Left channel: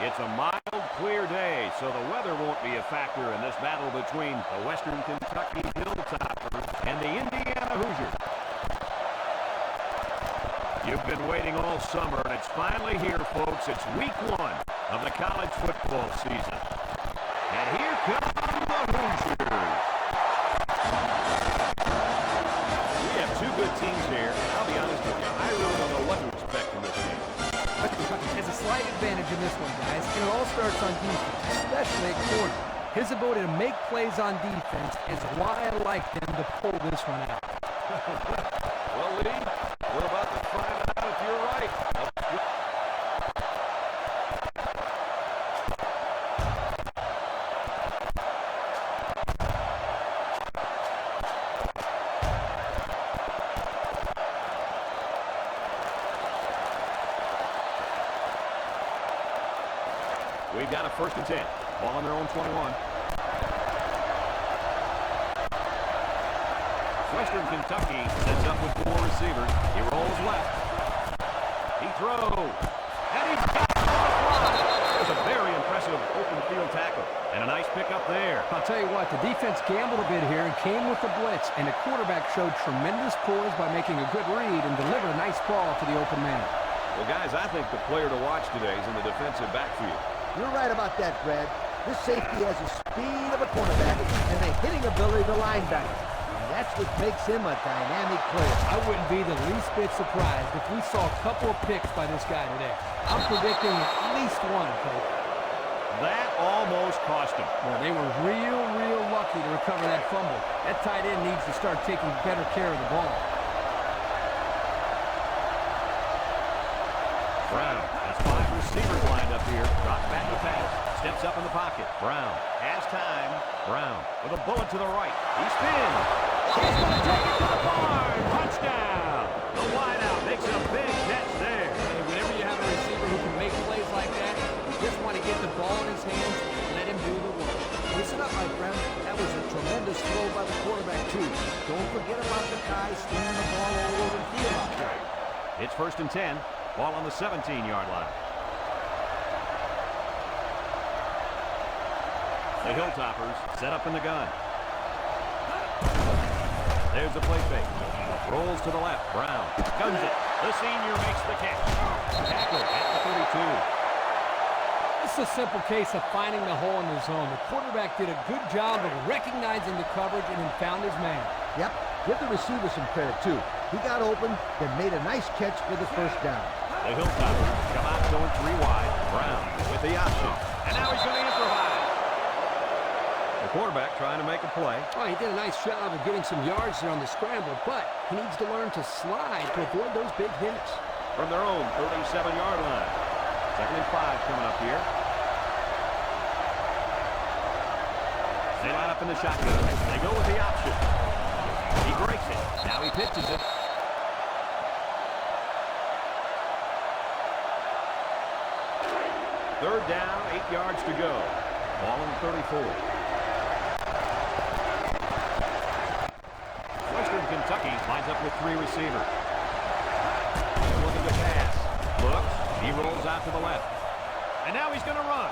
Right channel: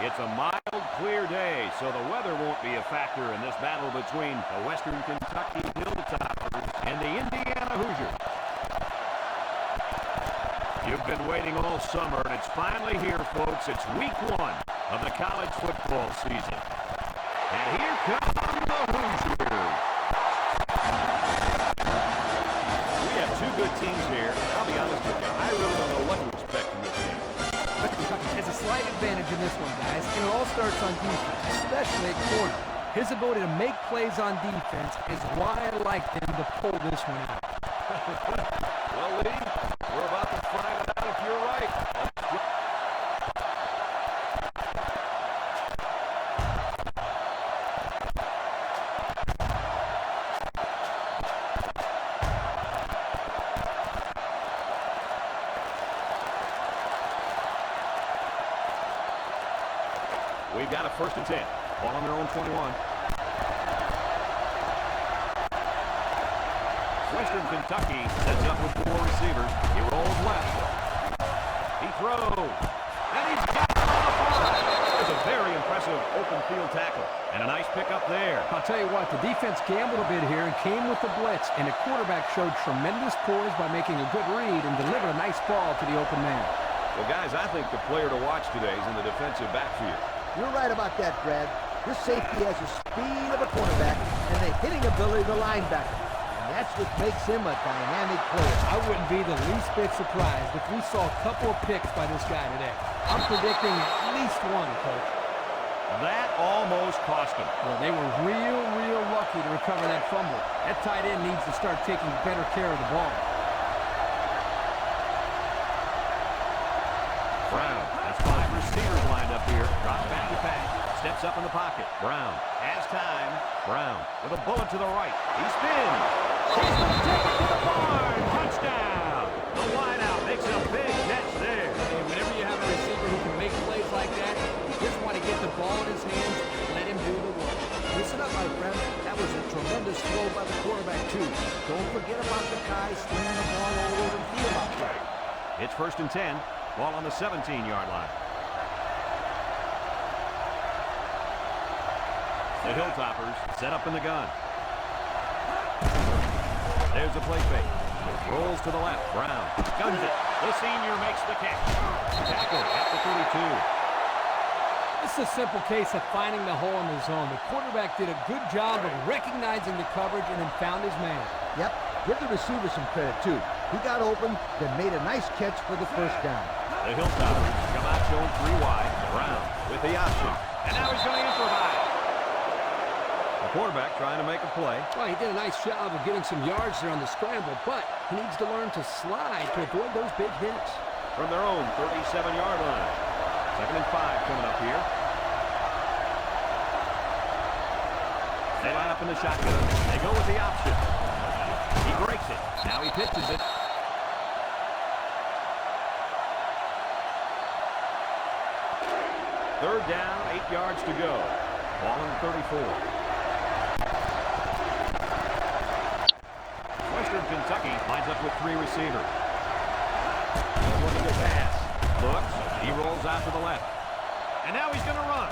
It's a mild, clear day, so the weather won't be a factor in this battle between the Western Kentucky Hilltoppers and the Indiana Hoosiers. You've been waiting all summer, and it's finally here, folks. It's week 1 of the college football season. And here come the Hoosiers. We have two good teams here, and I'll be honest with you, I really don't know what to expect from this game. Kentucky has a slight advantage in this one, guys, and it all starts on defense, especially at corner. His ability to make plays on defense is why I like them to pull this one out. Well, Lee, we're about to find out if you're right. Let's go. We've got a 1st and 10. Ball on their own 21. Western Kentucky sets up with 4 receivers. He rolls left. He throws. And he's got it on the fly. There's a very impressive open field tackle. And a nice pickup there. I'll tell you what, the defense gambled a bit here and came with the blitz. And the quarterback showed tremendous poise by making a good read and delivered a nice ball to the open man. Well, guys, I think the player to watch today is in the defensive backfield. You're right about that, Brad. This safety has the speed of a cornerback and the hitting ability of a linebacker. And that's what makes him a dynamic player. I wouldn't be the least bit surprised if we saw a couple of picks by this guy today. I'm predicting at least one, Coach. That almost cost him. Well, they were real lucky to recover that fumble. That tight end needs to start taking better care of the ball. Brown has 5 receivers lined up here. Drops back to pass. Steps up in the pocket. Brown has time. Brown with a bullet to the right. He spins. He's going to take it to the barn. Touchdown. The wideout makes a big catch there. Hey, whenever you have a receiver who can make plays like that, you just want to get the ball in his hands and let him do the work. Listen up, my friend. That was a tremendous throw by the quarterback, too. Don't forget about the guy slinging the ball all over the field out there. It's 1st and 10. Ball on the 17-yard line. The Hilltoppers set up in the gun. There's the play fake. Rolls to the left. Brown guns it. The senior makes the catch. Tackle at the 32. This is a simple case of finding the hole in the zone. The quarterback did a good job of recognizing the coverage and then found his man. Yep. Give the receiver some credit, too. He got open, then made a nice catch for the 1st down. The Hilltoppers come out going 3 wide. Brown with the option. And now he's going to improvise. The quarterback trying to make a play. Well, he did a nice job of getting some yards there on the scramble, but he needs to learn to slide to avoid those big hits. From their own 37-yard line. 2nd and 5 coming up here. They line up in the shotgun. They go with the option. He breaks it. Now he pitches it. Third down, 8 yards to go. Ball on the 34. Western Kentucky lines up with 3 receivers. He's looking to pass. Looks. He rolls out to the left. And now he's going to run.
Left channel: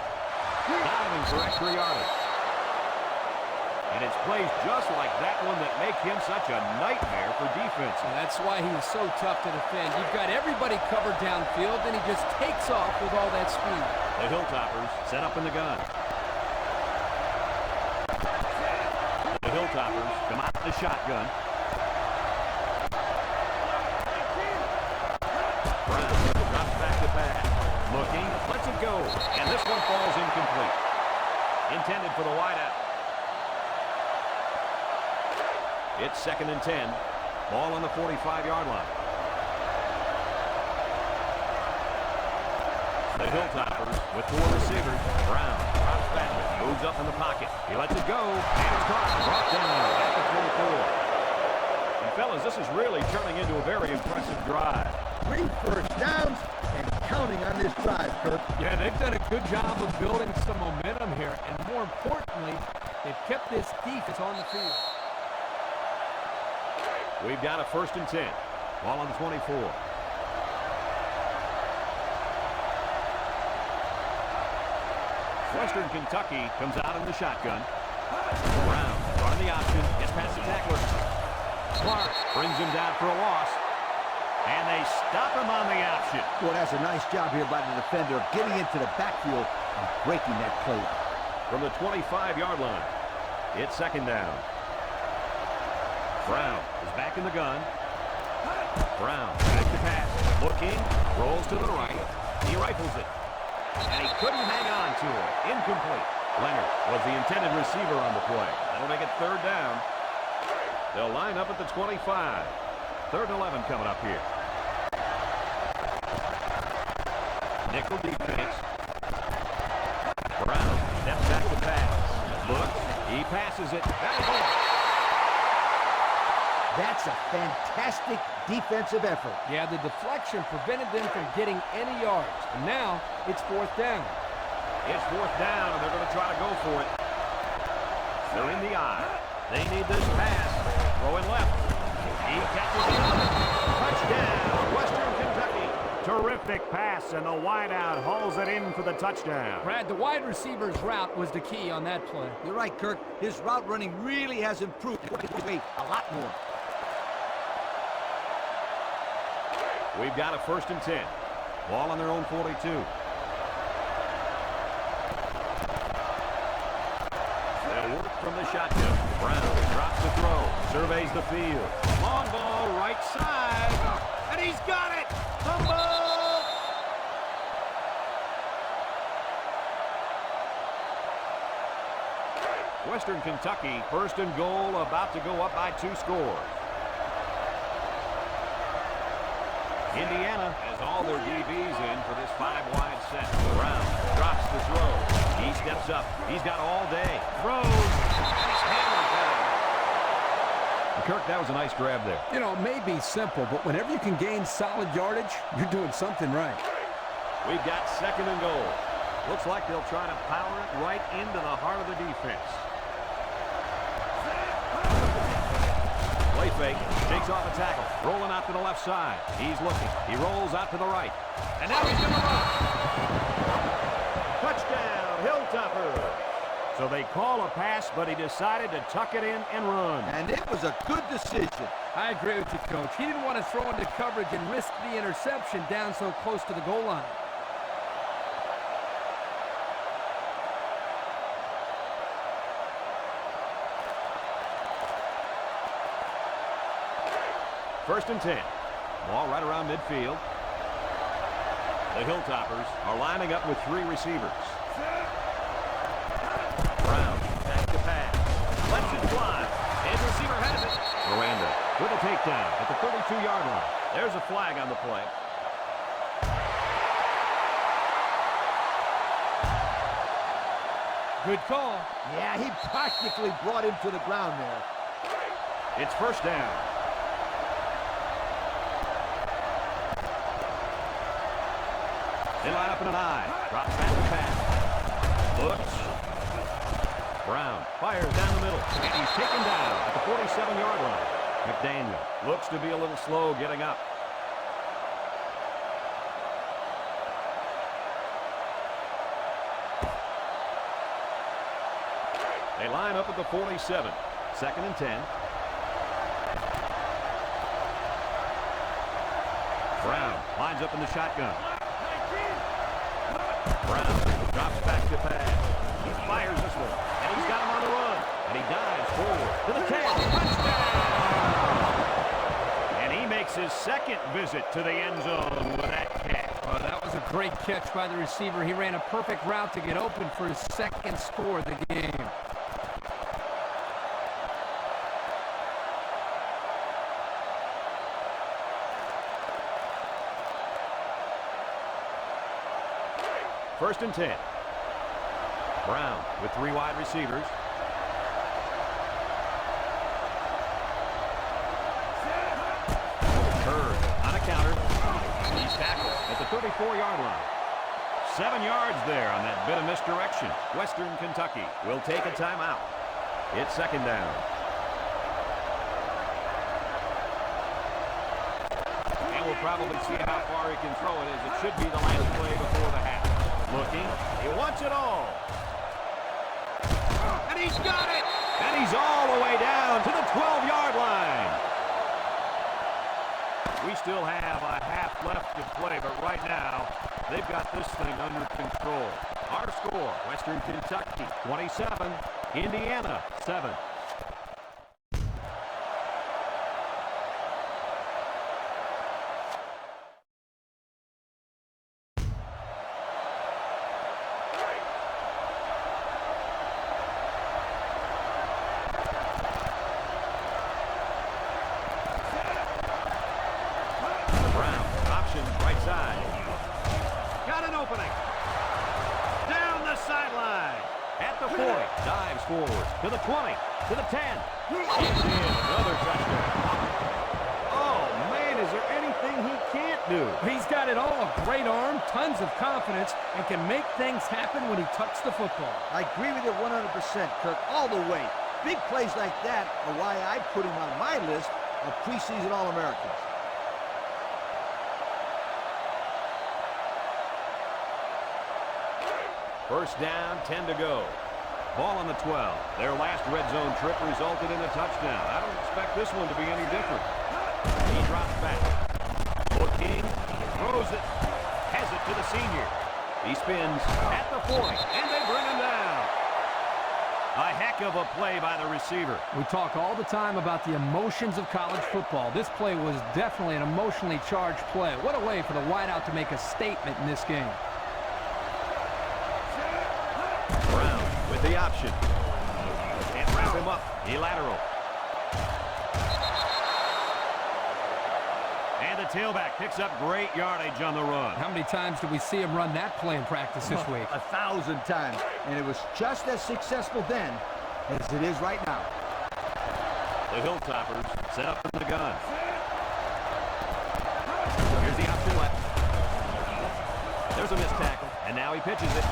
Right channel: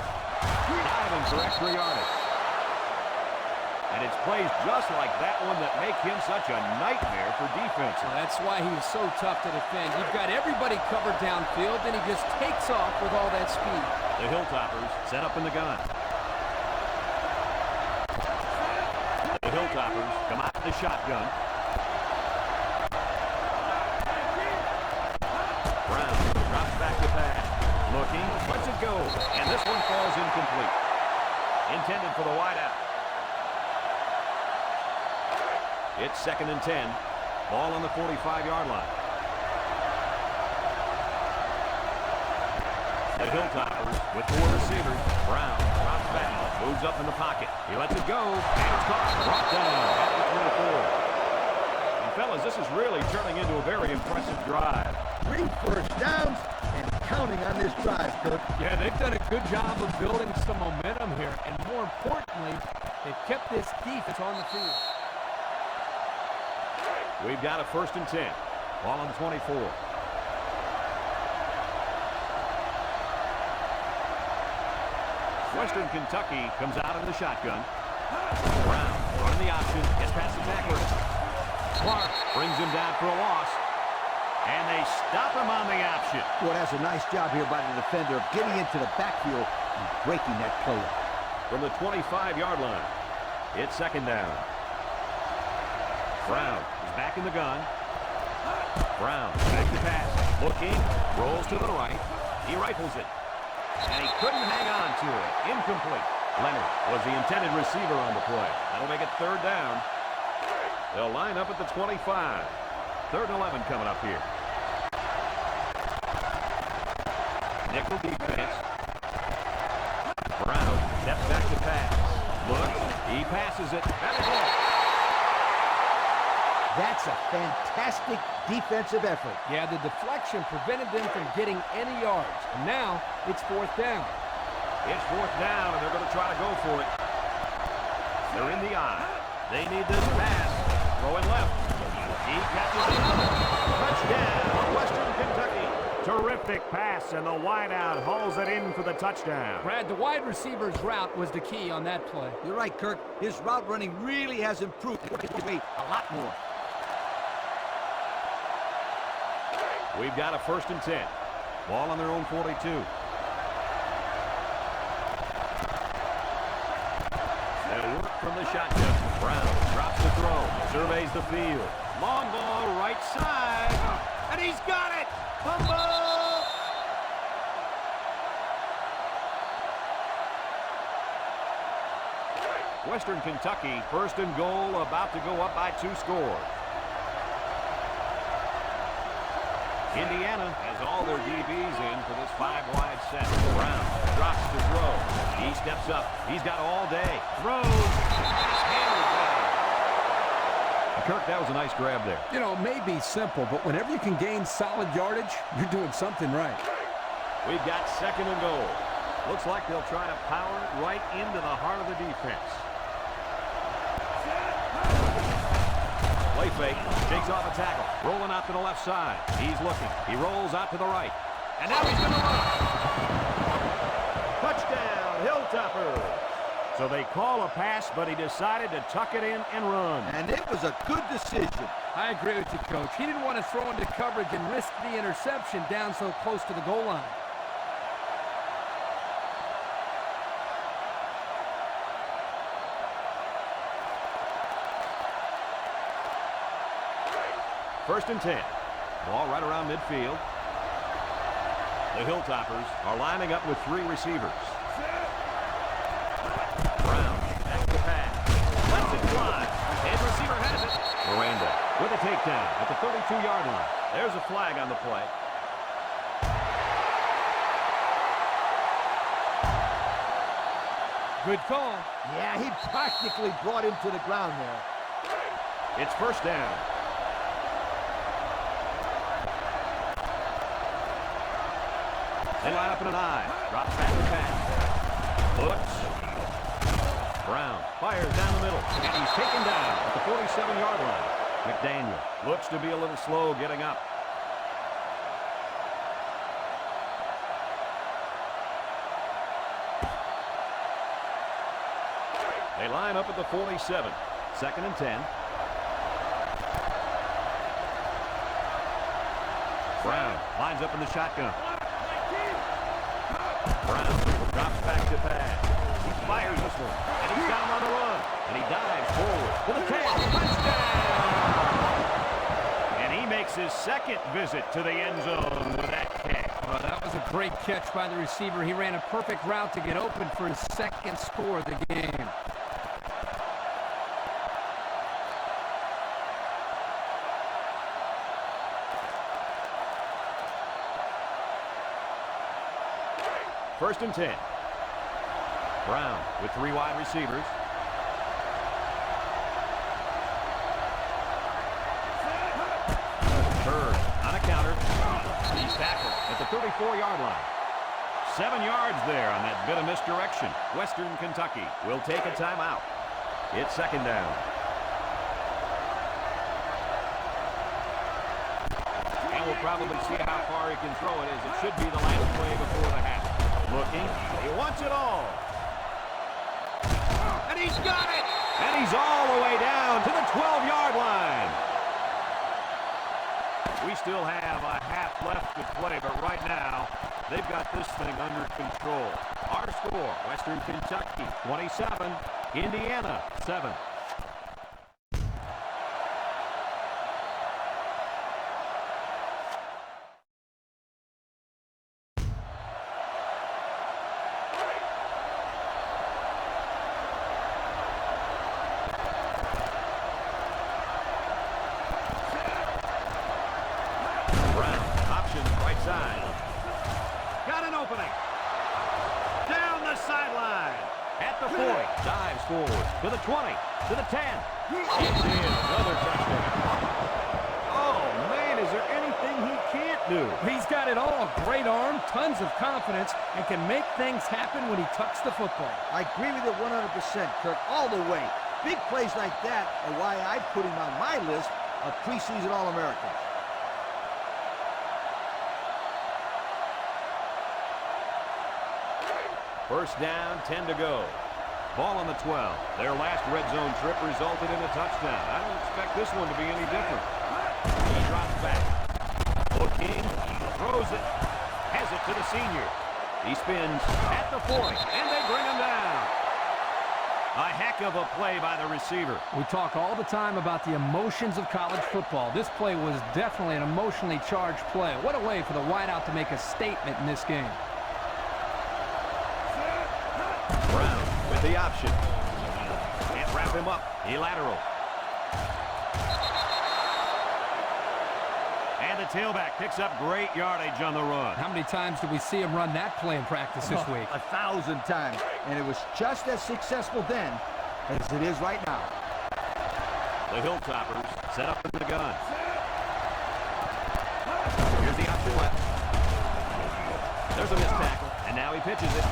Diving for extra yardage. And it's plays just like that one that make him such a nightmare for defense. Well, that's why he's so tough to defend. You've got everybody covered downfield, and he just takes off with all that speed. The Hilltoppers set up in the gun. The Hilltoppers come out in the shotgun. Brown drops back to pass. Looking, lets it go. And this one falls incomplete. Intended for the wideout. It's 2nd and 10. Ball on the 45-yard line. The Hilltoppers with 4 receivers. Brown drops back, moves up in the pocket. He lets it go, and it's caught. Brought down at the 24. And fellas, this is really turning into a very impressive drive. 3 first downs and counting on this drive, Kirk. Yeah, they've done a good job of building some momentum here, and more importantly, they've kept this defense on the field. We've got a 1st and 10. Ball on the 24. Western Kentucky comes out in the shotgun. Brown running the option. Gets past the tackler. Clark brings him down for a loss. And they stop him on the option. Boy, that's a nice job here by the defender of getting into the backfield and breaking that play up. From the 25-yard line, it's second down. Brown is back in the gun. Brown back to pass. Looking. Rolls to the right. He rifles it. And he couldn't hang on to it. Incomplete. Leonard was the intended receiver on the play. That'll make it third down. They'll line up at the 25. Third and 11 coming up here. Nickel defense. Brown steps back to pass. Looks. He passes it. That is all. That's a fantastic defensive effort. Yeah, the deflection prevented them from getting any yards. And now it's fourth down. It's fourth down, and they're going to try to go for it. They're in the eye. They need this pass. Throwing left. He catches another. Touchdown, Western Kentucky. Terrific pass, and the wideout hauls it in for the touchdown. Brad, the wide receiver's route was the key on that play. You're right, Kirk. His route running really has improved a lot more. We've got a first and 10. Ball on their own 42. They'll work from the shotgun. Brown drops the throw. Surveys the field. Long ball right side. And he's got it. Fumble. Western Kentucky, first and goal, about to go up by 2 scores. Indiana has all their DBs in for this 5-wide set. Brown drops the throw. He steps up. He's got all day. Throws. He's hammered down. Kirk, that was a nice grab there. You know, it may be simple, but whenever you can gain solid yardage, you're doing something right. We've got second and goal. Looks like they'll try to power it right into the heart of the defense. Play fake, shakes off a tackle, rolling out to the left side. He's looking. He rolls out to the right. And now he's going to run. Touchdown, Hilltoppers. So they call a pass, but he decided to tuck it in and run. And it was a good decision. I agree with you, Coach. He didn't want to throw into coverage and risk the interception down so close to the goal line. First and 10. Ball right around midfield. The Hilltoppers are lining up with 3 receivers. Brown back to pass. Lets it fly. His receiver has it. Miranda with a takedown at the 32-yard line. There's a flag on the play. Good call. Yeah, he practically brought him to the ground there. It's first down. They line up in an eye. Drops back to pass. Looks. Brown fires down the middle. And he's taken down at the 47-yard line. McDaniel looks to be a little slow getting up. They line up at the 47. Second and 10. Brown lines up in the shotgun. Brown drops back to pass. He fires this one, and he's got him on the run. And he dives forward to the 10. Touchdown! And he makes his second visit to the end zone with that catch. Oh, that was a great catch by the receiver. He ran a perfect route to get open for his second score of the game. First and 10. Brown with 3 wide receivers. Bird on a counter. He's tackled at the 34-yard line. 7 yards there on that bit of misdirection. Western Kentucky will take a timeout. It's second down. And we'll probably see how far he can throw it as it should be the last play before the half. Looking. He wants it all. And he's got it! And he's all the way down to the 12-yard line. We still have a half left to play, but right now, they've got this thing under control. Our score, Western Kentucky 27, Indiana 7. Right side. Got an opening. Down the sideline. At the 40. Dives forward. To the 20. To the 10. He's in. Another touchdown. Oh, man, is there anything he can't do? He's got it all. Great arm, tons of confidence, and can make things happen when he tucks the football. I agree with you 100%, Kirk, all the way. Big plays like that are why I put him on my list of preseason All-Americans. First down, 10 to go. Ball on the 12. Their last red zone trip resulted in a touchdown. I don't expect this one to be any different. He drops back. Looking, throws it, has it to the senior. He spins at the 40, and they bring him down. A heck of a play by the receiver. We talk all the time about the emotions of college football. This play was definitely an emotionally charged play. What a way for the wideout to make a statement in this game. Brown with the option. Can't wrap him up. He lateral. And the tailback picks up great yardage on the run. How many times did we see him run that play in practice this week? 1,000 times. And it was just as successful then as it is right now. The Hilltoppers set up in the gun. Here's the option left. There's a missed tackle, and now he pitches it.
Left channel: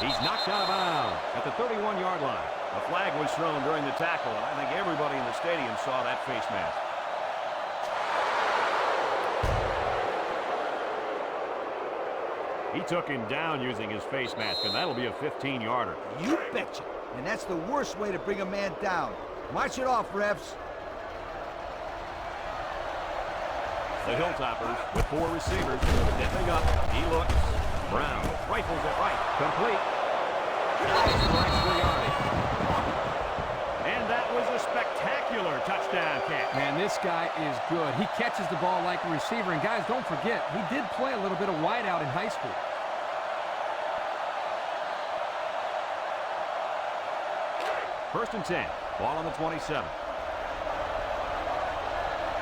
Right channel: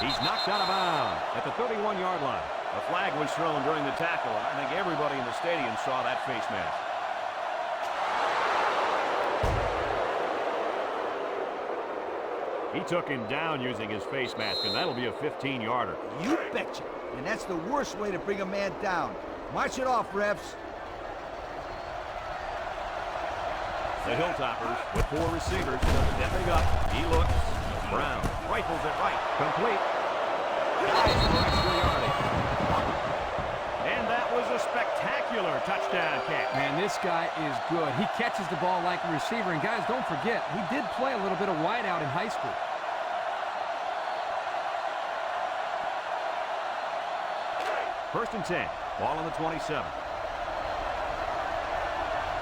He's knocked out of bounds at the 31-yard line. A flag was thrown during the tackle, and I think everybody in the stadium saw that face mask. He took him down using his face mask, and that'll be a 15-yarder. You betcha. And that's the worst way to bring a man down. March it off, refs. The Hilltoppers with 4 receivers. Stepping up. He looks. Brown rifles it right. Complete. Dives for extra yardage. And that was a spectacular touchdown catch. Man, this guy is good. He catches the ball like a receiver. And guys, don't forget, he did play a little bit of wideout in high school. First and 10. Ball on the 27.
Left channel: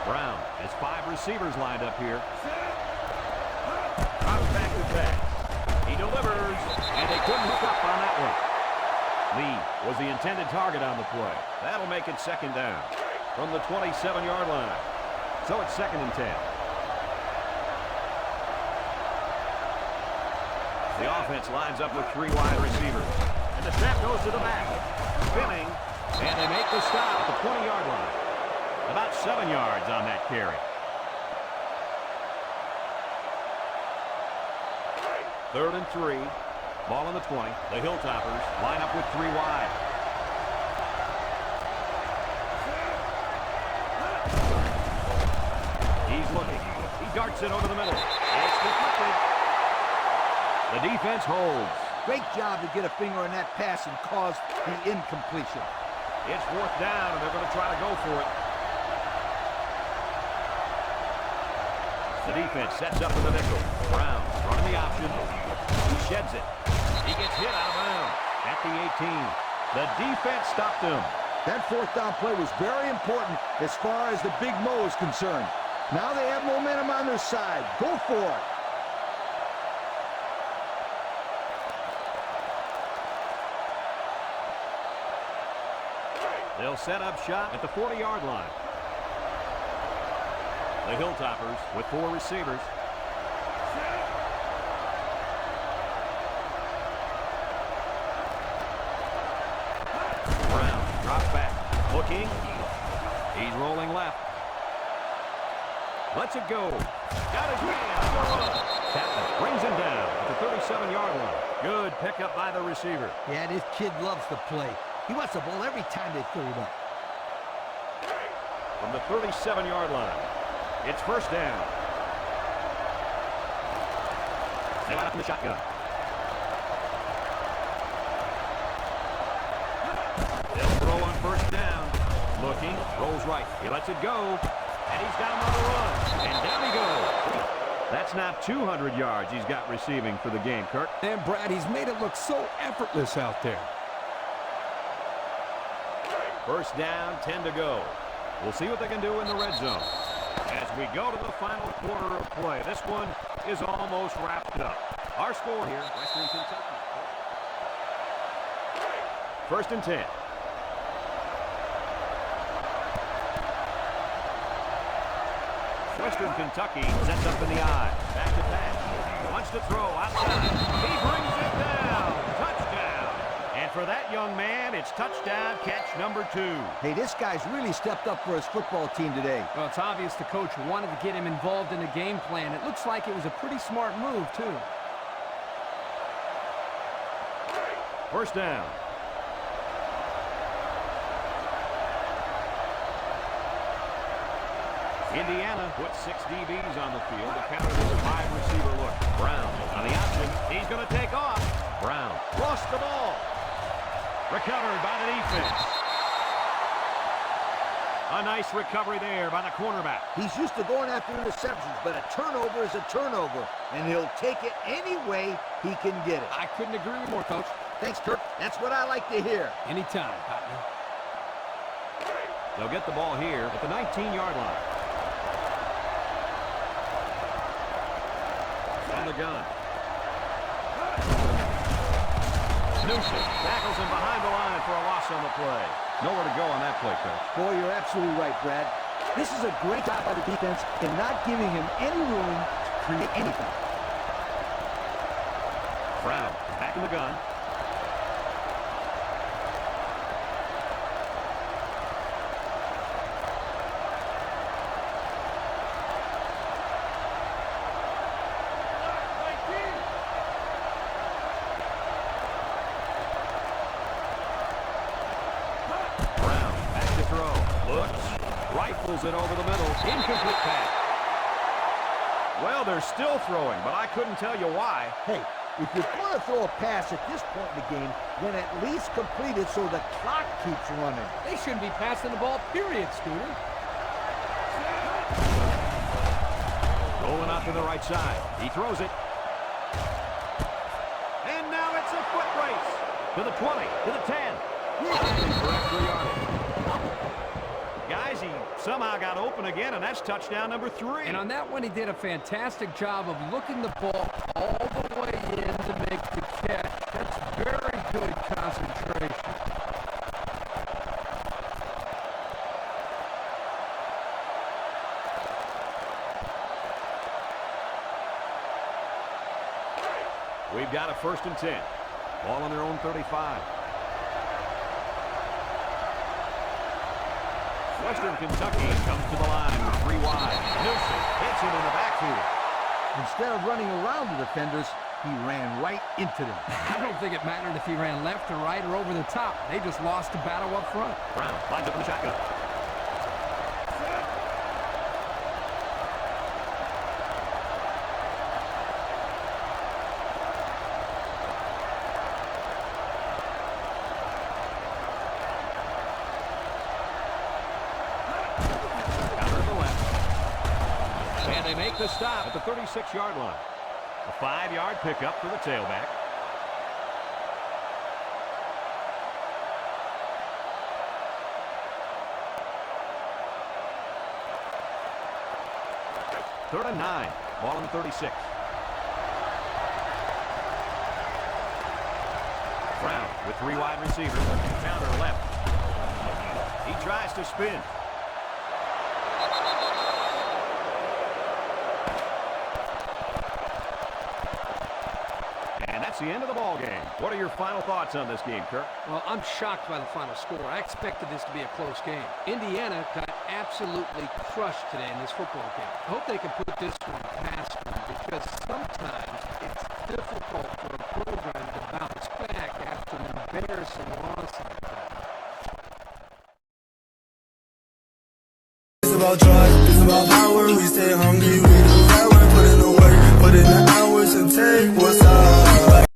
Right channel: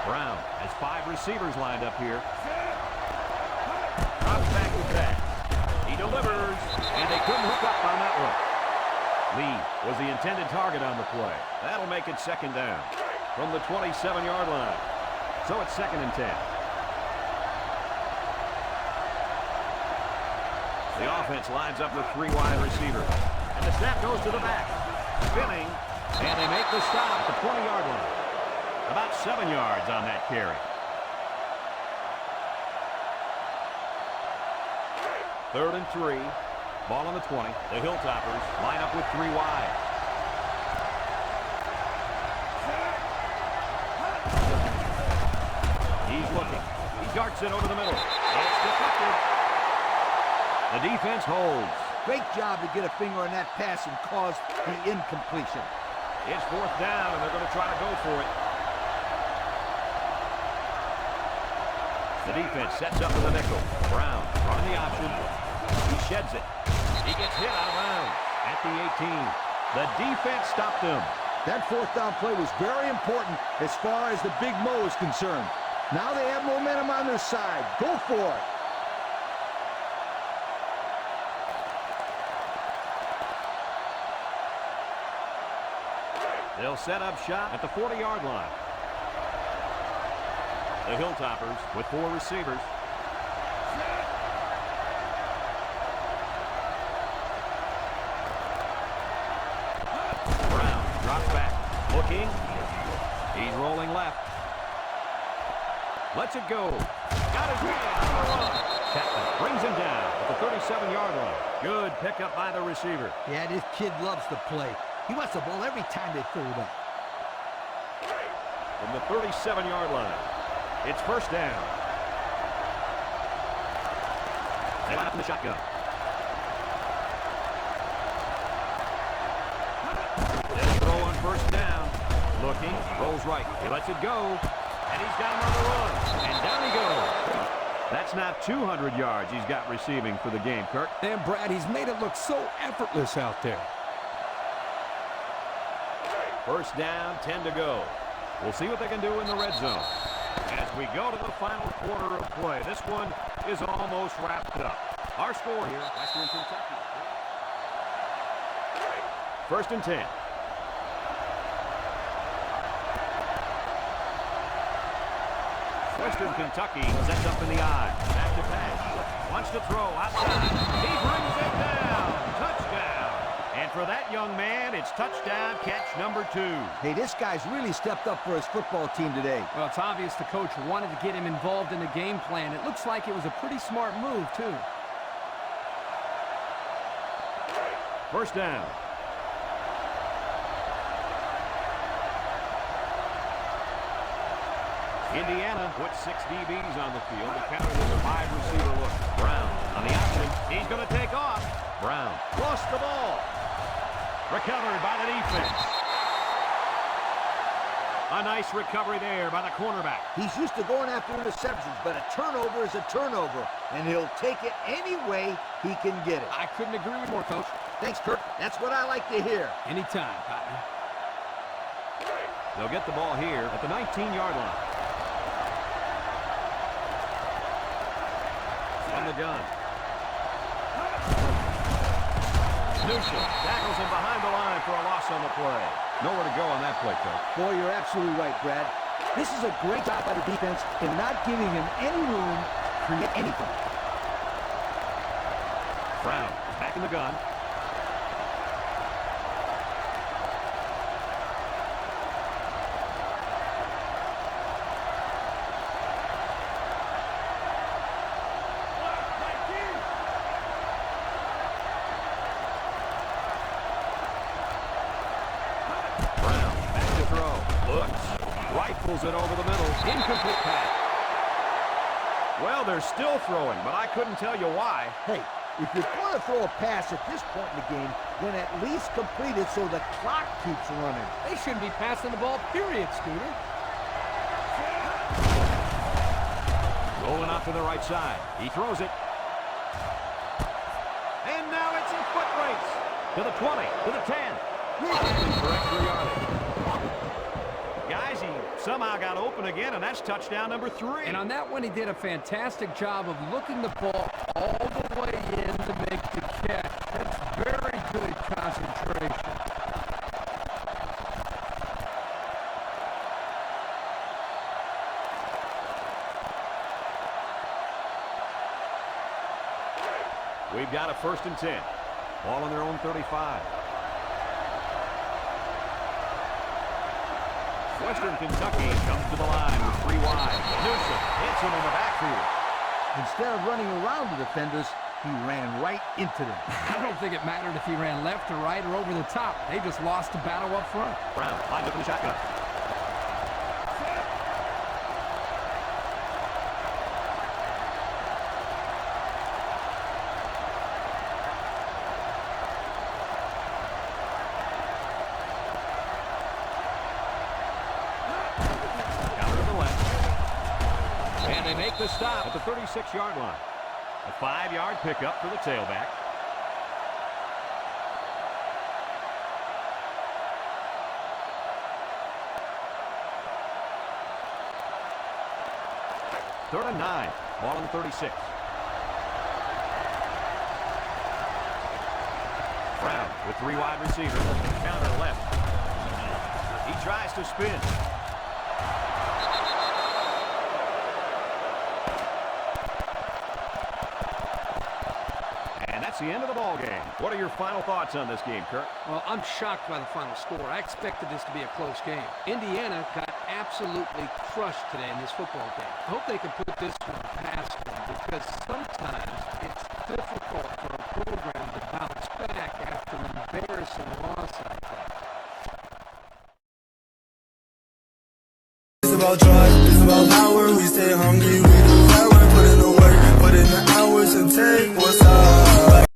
Brown has 5 receivers lined up here. Drops back to pass. He delivers, and they couldn't hook up on that one. Lee was the intended target on the play. That'll make it second down from the 27-yard line. So it's second and 10. The offense lines up with 3 wide receivers. And the snap goes to the back. Spinning, and they make the stop at the 20-yard line. About 7 yards on that carry. Third and 3. Ball on the 20. The Hilltoppers line up with 3 wide. He's looking. He darts it over the middle. It's deflected. The defense holds. Great job to get a finger on that pass and cause the incompletion. It's 4th down, and they're going to try to go for it. The defense sets up in the nickel. Brown running the option. He sheds it. He gets hit out of bounds at the 18. The defense stopped him. That 4th down play was very important as far as the Big Mo is concerned. Now they have momentum on their side. Go for it. They'll set up shop at the 40-yard line. The Hilltoppers with 4 receivers. Brown drops back. Looking. He's rolling left. Lets it go. Got his man on the run. Chapman brings him down at the 37-yard line. Good pickup by the receiver. Yeah, this kid loves to play. He wants the ball every time they throw it up. From the 37-yard line, it's first down. They line up in the shotgun. They'll throw on first down. Looking, rolls right. He lets it go, and he's got him on the run. And down he goes. That's not 200 yards he's got receiving for the game, Kirk. And, Brad, he's made it look so effortless out there. First down, 10 to go. We'll see what they can do in the red zone. As we go to the final quarter of play, this one is almost wrapped up. Our score here, Western Kentucky. First and 10. Western Kentucky sets up in the eye. Back to pass. Wants to throw outside. He brings it down. Touchdown. And for that young man, it's touchdown catch number 2. Hey, this guy's really stepped up for his football team today. Well, it's obvious the coach wanted to get him involved in the game plan. It looks like it was a pretty smart move, too. First down. Indiana puts 6 DBs on the field to counter this 5-receiver look. Brown on the option. He's going to take off. Brown lost the ball. Recovered by the defense. A nice recovery there by the cornerback. He's used to going after interceptions, but a turnover is a turnover, and he'll take it any way he can get it. I couldn't agree more, Coach. Thanks, Kirk. That's what I like to hear. Anytime, partner. They'll get the ball here at the 19-yard line. On the gun. Newsom tackles him behind the line for a loss on the play. Nowhere to go on that play, Coach. Boy, you're absolutely right, Brad. This is a great job by the defense in not giving him any room to create anything. Brown is back in the gun. Rifles it over the middle. Incomplete pass. Well, they're still throwing, but I couldn't tell you why. Hey, if you're going to throw a pass at this point in the game, then at least complete it so the clock keeps running. They shouldn't be passing the ball, period, Scooter. Rolling out to the right side. He throws it. And now it's a foot race. To the 20, to the 10. For extra yardage. Guys, he somehow got open again, and that's touchdown number 3. And on that one, he did a fantastic job of looking the ball all the way in to make the catch. That's very good concentration. We've got a first and 10. Ball on their own 35. Western Kentucky comes to the line with 3 wide. Newsom hits him in the backfield. Instead of running around the defenders, he ran right into them. I don't think it mattered if he ran left or right or over the top. They just lost the battle up front. Brown lines up in the shotgun. And they make the stop at the 36-yard line. A 5-yard pickup for the tailback. Third and 9. Ball on the 36. Brown with 3 wide receivers. Counter left. He tries to spin. And that's the end of the ball game. What are your final thoughts on this game, Kirk? Well, I'm shocked by the final score. I expected this to be a close game. Indiana got absolutely crushed today in this football game. I hope they can put this one past them, because sometimes it's difficult for a program to bounce back after an embarrassing loss like that. about drive, it's about power. We stay hungry, we do that work, put in the work, put in the hours and take what's up.